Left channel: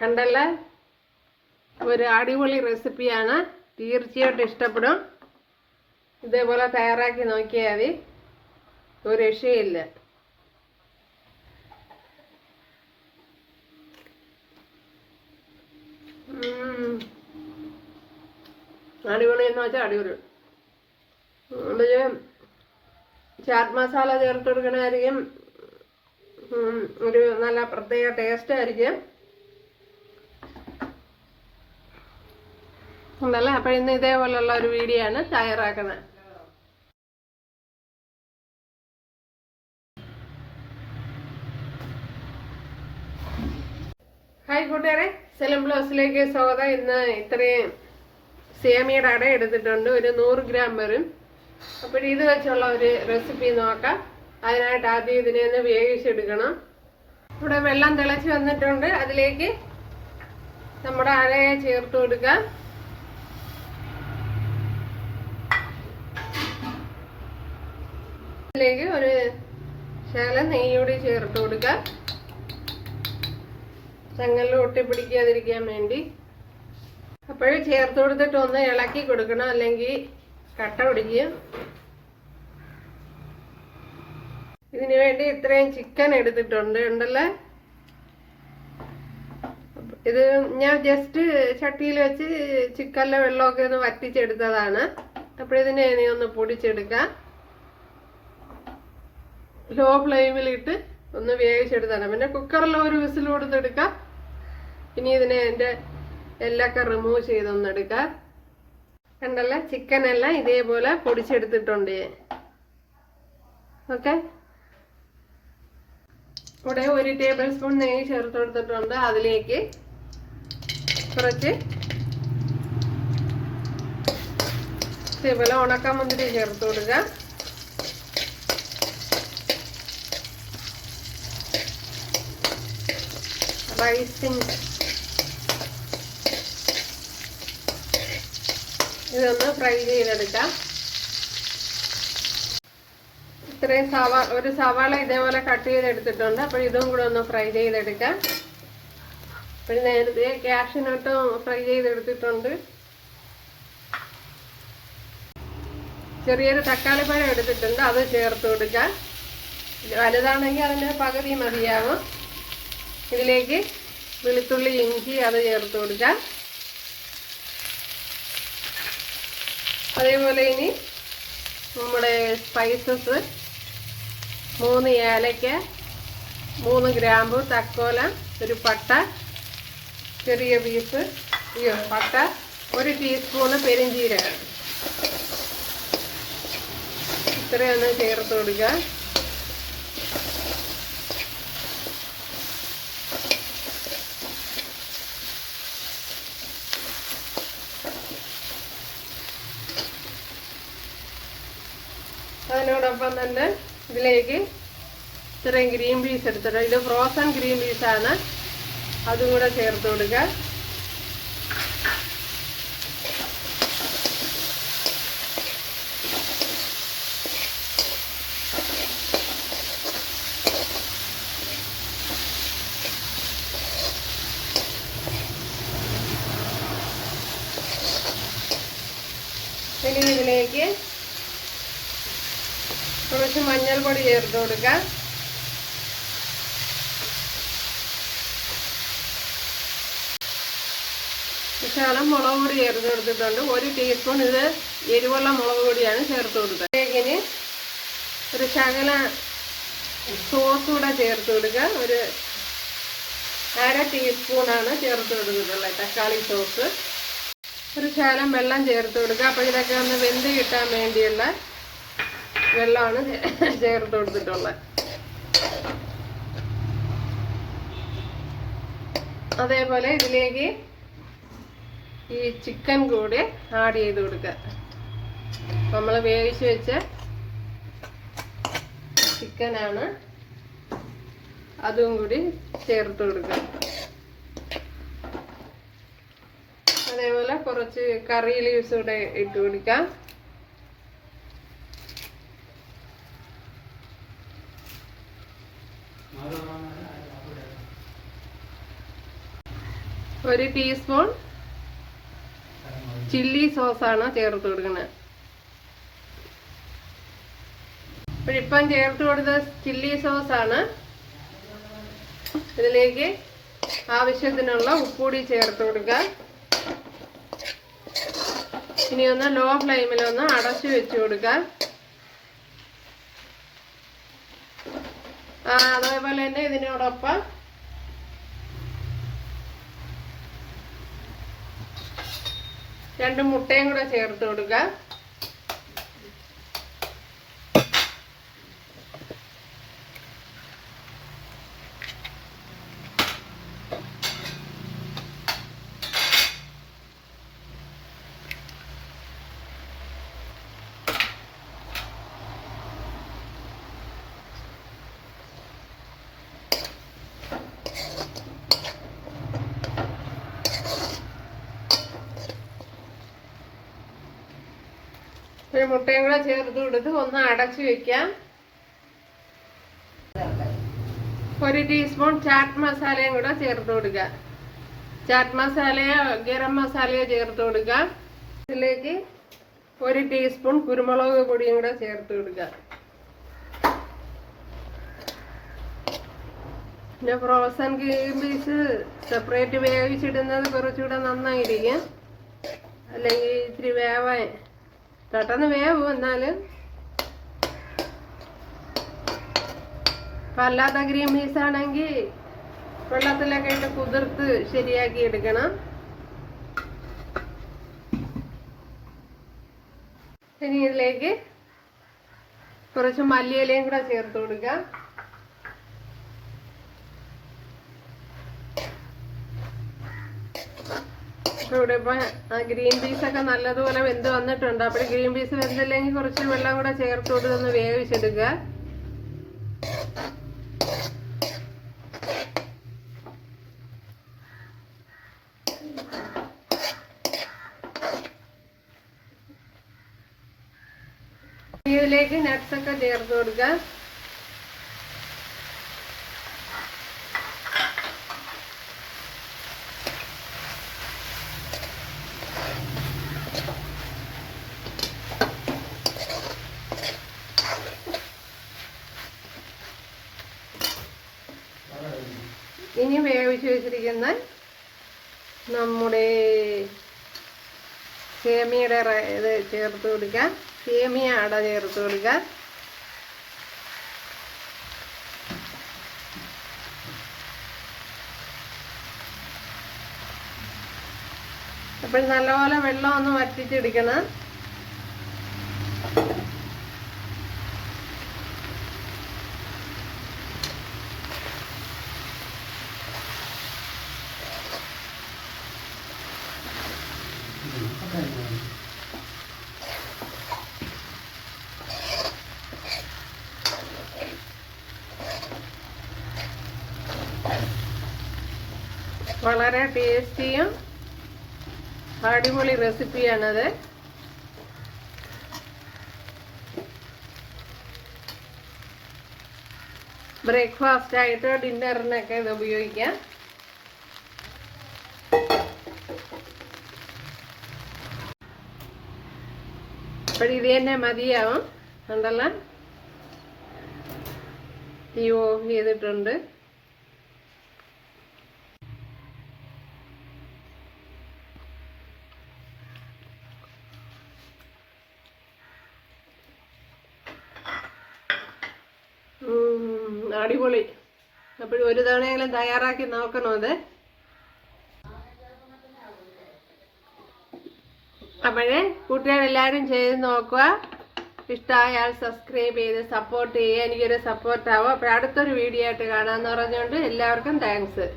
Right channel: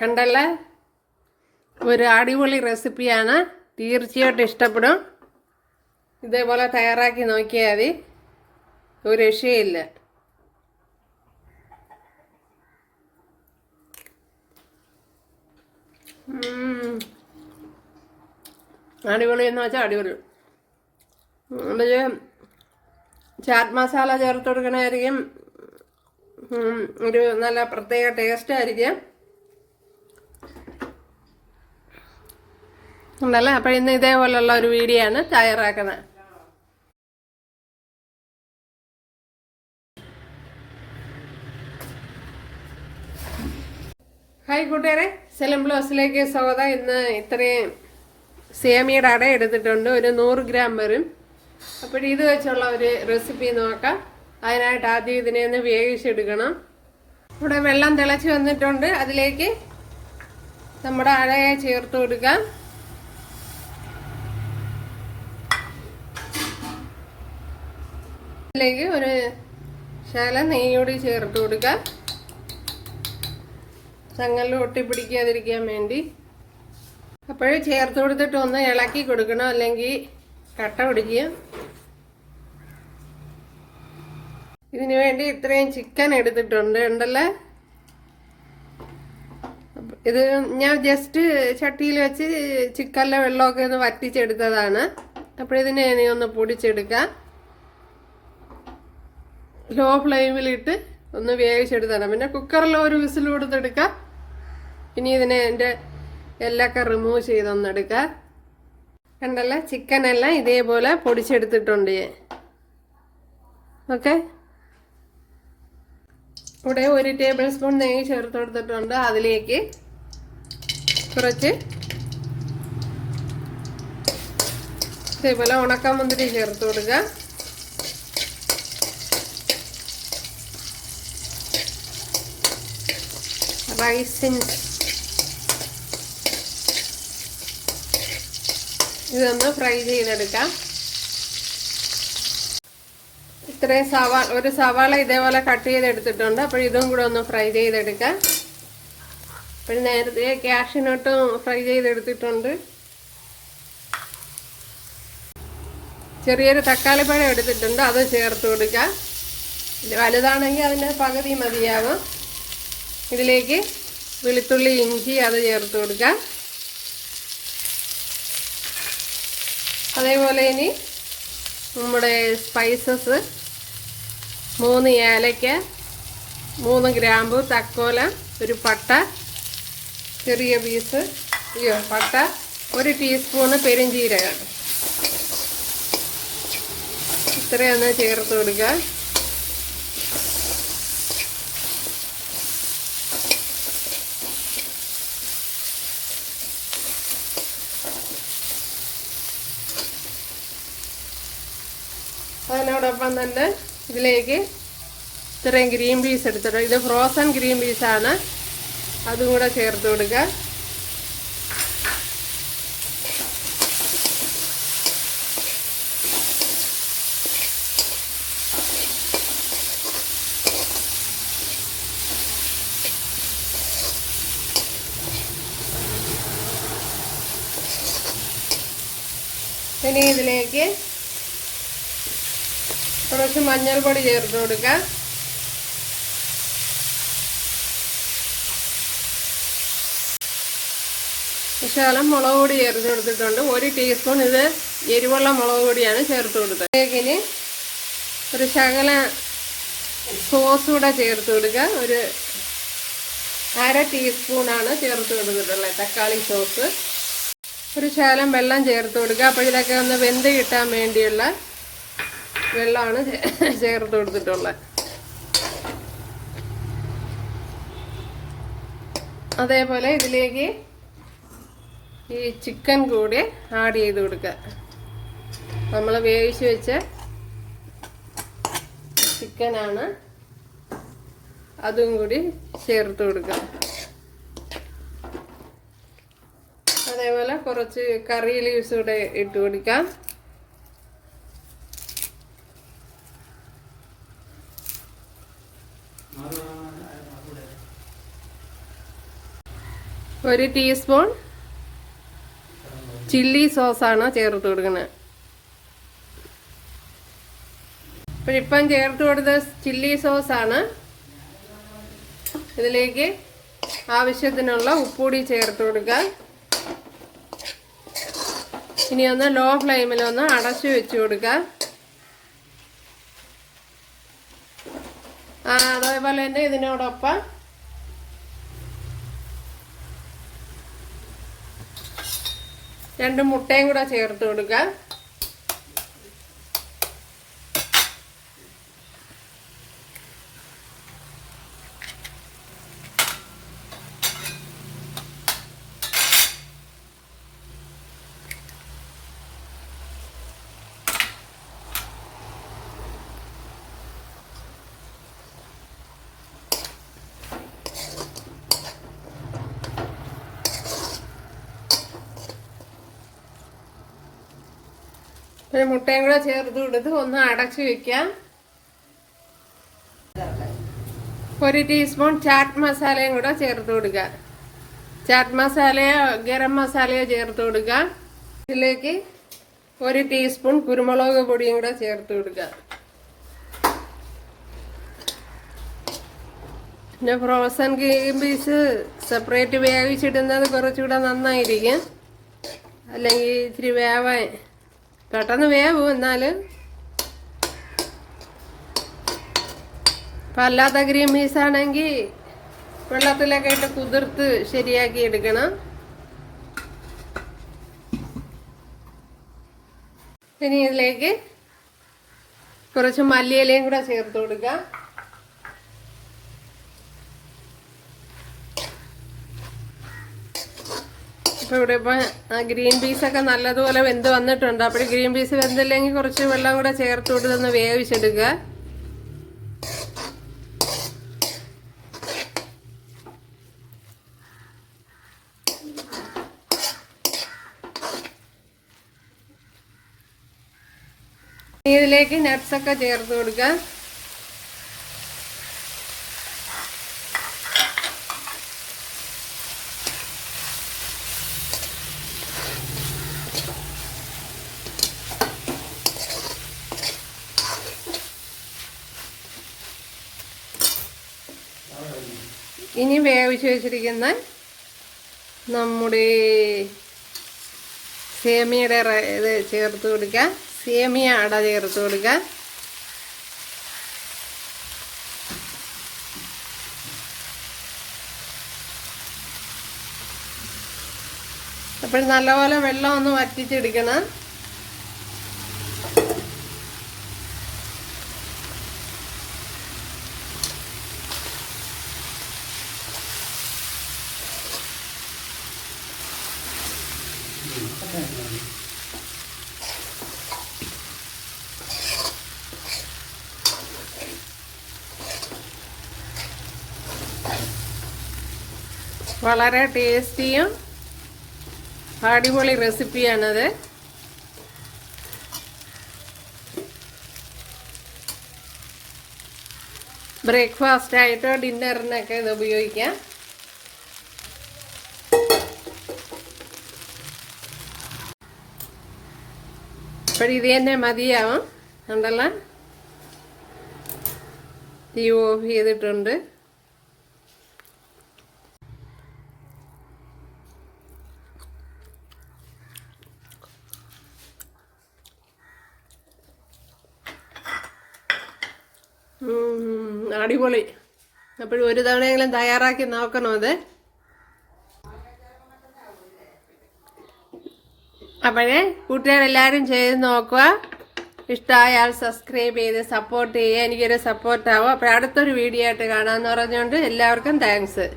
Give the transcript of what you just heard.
കണ്ടല്ല, ഒരു അടിപൊളി റെസിപ്പിയാണ്. തീർച്ചയായിട്ടും ഇഷ്ടപ്പെടും. ഇതേപോലെ തയ്യാറാക്കി നോക്കിയാൽ മതി, ഒരു രക്ഷയില്ല. അടിപൊളി എന്ന് വെച്ചാൽ അടിപൊളി. ചാറ്റ് മസാല ചേർത്ത് കൊടുക്കണമായിരിക്കും, ഒരു നല്ല പ്രത്യേക ടേസ്റ്റ് ആയിരിക്കും. ഉണ്ടല്ലേ. അപ്പം ഇന്ന് ഇതേപോലെയുള്ള ഒരു വീഡിയോ ആണ് തയ്യാറാക്കുന്നത്. ഹായ് കൂട്ടുകാരെ, സെലം ബ്ലോസിലേക്ക് സ്വാഗതം. ഇന്ന് ഇത്രയും സേമിയുടെ അട എടുത്തിട്ടുണ്ട്, ഒരു 100 ഗ്രാം വരും. അപ്പോൾ ഇത് വെച്ചുള്ള ഒരു റെസിപ്പി നോക്കാം. അതിനായിട്ട് ആദ്യം ഇതിനെ ഒന്ന് വേവിച്ചെടുക്കണം. ഇവിടെ വെള്ളം തിളച്ച് വന്നിട്ടുണ്ട്. അതിലേക്ക് നമ്മുടെ അടയെ ചേർത്ത് കൊടുക്കാം. അതിലേക്ക് ഒരു ശകലം നെയ്യോടി ചേർത്ത് കൊടുക്കാം, ചങ്ങലിൽ ഒട്ടിപ്പിടിക്കാതിരിക്കാൻ വേണ്ടി. അപ്പോഴേ ചേർത്ത് കൊടുത്തിട്ട് ഒന്ന് ഇളക്കി കൊടുക്കണം, അല്ലെങ്കിൽ കട്ട പിടിക്കും. ഇതിനു വേണ്ടി ഇത്രയും ചിക്കൻ എടുത്തിട്ടുണ്ട് ഉണ്ടല്ലേ. ഇത് ഞാൻ ജസ്റ്റ് ചട്ടിയിൽ വെച്ച് ചിക്കനിലെ വെള്ളമൊക്കെ ഒന്ന് വറ്റിച്ചെടുത്തതാണ്. അപ്പോഴിതിനെ ഇനി ഒന്ന് പൊടിച്ചെടുക്കാം. ലോ ഫ്ലെയിമിലിട്ട് ഒന്ന് വേവിച്ചെടുത്താണ്. പിന്നെ കുക്കറിൽ ഒരു വിസിൽ കൊടുത്തെടുക്കാം. ഇനി ഇതിനെ എൻ്റെ എല്ലൊക്കെ റിമൂവ് ചെയ്തൊന്നെടുക്കാം. കണ്ടല്ല, ചിക്കനെല്ലാം ഇതേപോലെ പൊടിച്ചെടുത്തിട്ടുണ്ട് ഞാൻ. ഓക്കെ, ഇവിടെ 1 ടേബിൾ സ്പൂൺ നെയ്യ് ചേർത്ത് കൊടുത്തിട്ടുണ്ട്. അതിലേക്ക് കുറച്ച് ഇതേപോലെ ഉണക്കമുന്തിരി ചേർത്ത് കൊടുക്കുക. ഇതൊന്ന് ഫ്രൈ ചെയ്തെടുക്കാം. ഇത്രയും ഒരു സവാള ഇതേപോലെ കട്ട് ചെയ്തെടുത്തിട്ടുണ്ട്. അപ്പോൾ ഇതും കൂടെ ഒന്ന് ഫ്രൈ ചെയ്തെടുക്കാം. പിന്നെ നേരത്തെ കാഷ്യൂനട്ടും ഫ്രൈ ചെയ്തെടുത്തിട്ടുണ്ട്. ചെറിയൊരു തക്കാളിപ്പഴം എടുത്തിട്ടുണ്ട്, അത് ചേർത്ത് കൊടുക്കാം. വലുതാണെങ്കിൽ അതിൻ്റെ പകുതി മതിയാകും. ഇതിലേക്ക് വെളുത്തുള്ളി, ഇഞ്ചി അത് ചേർത്ത് കൊടുക്കാം. അതേപോലെ ഇനി നമ്മുടെ സ്പൈസസ് 3 ഏലക്ക, 3 ഗ്രാമ്പു, തക്കോലം, ഒരു പട്ട, ചെറിയ പീസ് പട്ട, 1 ടീസ്പൂണ് പെരുംജീരകം, ഇത്രയൊന്ന് ചേർത്ത് കൊടുക്കുക. അതിനോടൊപ്പം തന്നെ ഇതിലേക്ക് ഇത്രയും ഗ്രീൻ പീസ് എടുത്തിട്ട്, ഇത് ഫ്രോസൺ ഗ്രീൻ പീസാണ്, അതും കൂടെ ചേർത്ത് കൊടുക്കുക. ഇനി ഇതിലേക്ക് കുറച്ച് മഞ്ഞൾപ്പൊടി ചേർത്ത് കൊടുക്കാം. ശകലം മുളക് പൊടി ചേർത്ത് കൊടുത്തിട്ടുണ്ട്. 1 ടീസ്പൂൺ ഇത് എരിവുള്ള മുളക് പൊടിയാണ് ചേർത്ത് കൊടുത്തത്. ഇതിന് ഒരു ശകല സോസ് കൂടെ ചേർത്ത് കൊടുക്കുക. ഒരു 1/2 ടീസ്പൂണാണ് ചേർത്ത് കൊടുത്തിട്ടുള്ളത്, തക്കാളി സോസ്. ഒരു ശകലം വെള്ളം ചേർത്ത് കൊടുക്കുക. അപ്പോൾ ഇതൊക്കെ ഒന്ന് വെന്ത് കിട്ടാൻ വേണ്ടിയുള്ള വെള്ളമാണ് ചേർത്ത് കൊടുത്തിട്ടുള്ളത്. അതേപോലെ ഇതിലേക്ക് ഈ ചിക്കൻ കൂടി ആഡ് ചെയ്ത് കൊടുക്കുക. നമ്മൾ വേവിച്ച് വെച്ച ചിക്കനാണ്, അതും കൂടി ചേർത്ത് കൊടുക്കുക. അതേപോലെ കുറച്ച് കറി ലീവ്സ് കൂടെ ഇട്ട് കൊടുക്കാം. 1 ടീസ്പൂൺ ചില്ലി സോസാണ് ചേർത്ത് കൊടുക്കുന്നത്. ഇപ്പം ചേർത്ത് കൊടുത്ത ചില്ലി സോസാണ്. ഇതിലേക്ക് ആവശ്യത്തിനുള്ള ഉപ്പുകൂടി ചേർത്ത് കൊടുക്കുക. ഇനി ഒന്ന് ലോ ഫ്ലെയിമിലൊന്ന് അടച്ചു വെച്ച് കൊടുക്കുക. അതേപോലെ തന്നെ ഇതിനോടൊപ്പം രണ്ട് മുട്ടയും കൂടെ ചേർത്ത് കൊടുക്കുക. ഒരു മുട്ടയും കൂടെ ചേർത്ത് കൊടുത്ത് ഒന്ന് അടച്ചു വെക്കാം. 1 ടീസ്പൂൺ ചാറ്റ് മസാലയും കൂടെ ചേർത്ത് കൊടുക്കുക. ചാറ്റ് മസാലയോ ഗരം മസാലയോ ചേർത്ത് കൊടുക്കുക. ഇതിലേക്ക് 1 ടീസ്പൂൺ കുരുമുളക് പൊടിയും കൂടെ ചേർത്ത് കൊടുക്കുക. പിന്നെ ഫ്രോസൺ ഗ്രീൻ പീസ് സെപ്പറേറ്റ് വേവിച്ചിടുന്നത് കുറച്ചുകൂടെ നന്നായിരിക്കും. അല്ലെങ്കിൽ ഇച്ചിരി വേവാൻ പെട്ടെന്ന് വേവും. എന്നാലും അല്ലാത്ത ഗ്രീൻ പീസ് ആണെങ്കിൽ വെള്ളത്തിലൊക്കെ ഇട്ട് കുതിർത്ത് ശരിയാക്കി എടുക്കണം. ഇനി ഇതിലേക്ക് കുറച്ച് മല്ലിയിലയും കൂടെ ചേർത്ത് കൊടുക്കുക. ഇവിടെ ഇപ്പം ഗ്രീൻ പീസൊക്കെ നല്ലതുപോലെ വെന്ത് വന്നിട്ടുണ്ട്. അപ്പോൾ ഗ്രീൻ പീസ് വെന്തില്ലെങ്കിൽ കുറച്ച് വെള്ളം കൂടെ ചേർത്ത് കൊടുത്തൊന്ന് വേവിച്ചെടുക്കുക. ഇതിലേക്ക് നട്ട്സൊക്കെ ചേർത്ത് കൊടുക്കുക. ഇനി വേവിച്ച് വെച്ചിരിക്കുന്ന നമ്മുടെ സേമിയയുടെ ഇത് ചേർത്ത് കൊടുക്കുക. സേമിയ അട ചേർത്ത് കൊടുക്കുക. അപ്പോൾ നല്ലപോലെ വെള്ളം ഒന്ന് വറ്റിച്ചെടുക്കണം. വളരെ ടേസ്റ്റിയും അടിപൊളി റെസിപ്പിയാണത്. ബ്രേക്ക്ഫാസ്റ്റ് ആയിട്ടോ ഡിന്നറിനൊക്കെ ഇത് ഉപയോഗിക്കാം. അപ്പോൾ ഇത് തന്നെ മതിയാവും. ഉണ്ടല്ലോ, തീ ഓഫ് ചെയ്തിട്ടുണ്ട്. അടിപൊളി. അപ്പോഴും ഒരു തവണയെങ്കിലും തയ്യാറാക്കി നോക്കണം അത്. അപ്പോഴേ കൂട്ടുകാരെല്ലാവരും ചെയ്ത് നോക്കുക. ഇഷ്ടമായാൽ സബ്സ്ക്രൈബ് ചെയ്ത് സപ്പോർട്ട് ചെയ്യുക. എനിക്കൊരു സപ്പോർട്ടാവും. അപ്പോൾ അടുത്തൊരു വീഡിയോ ആയിട്ട് കാണാമെന്ന് പറഞ്ഞുകൊണ്ട് എല്ലാവർക്കും താങ്ക്സ്.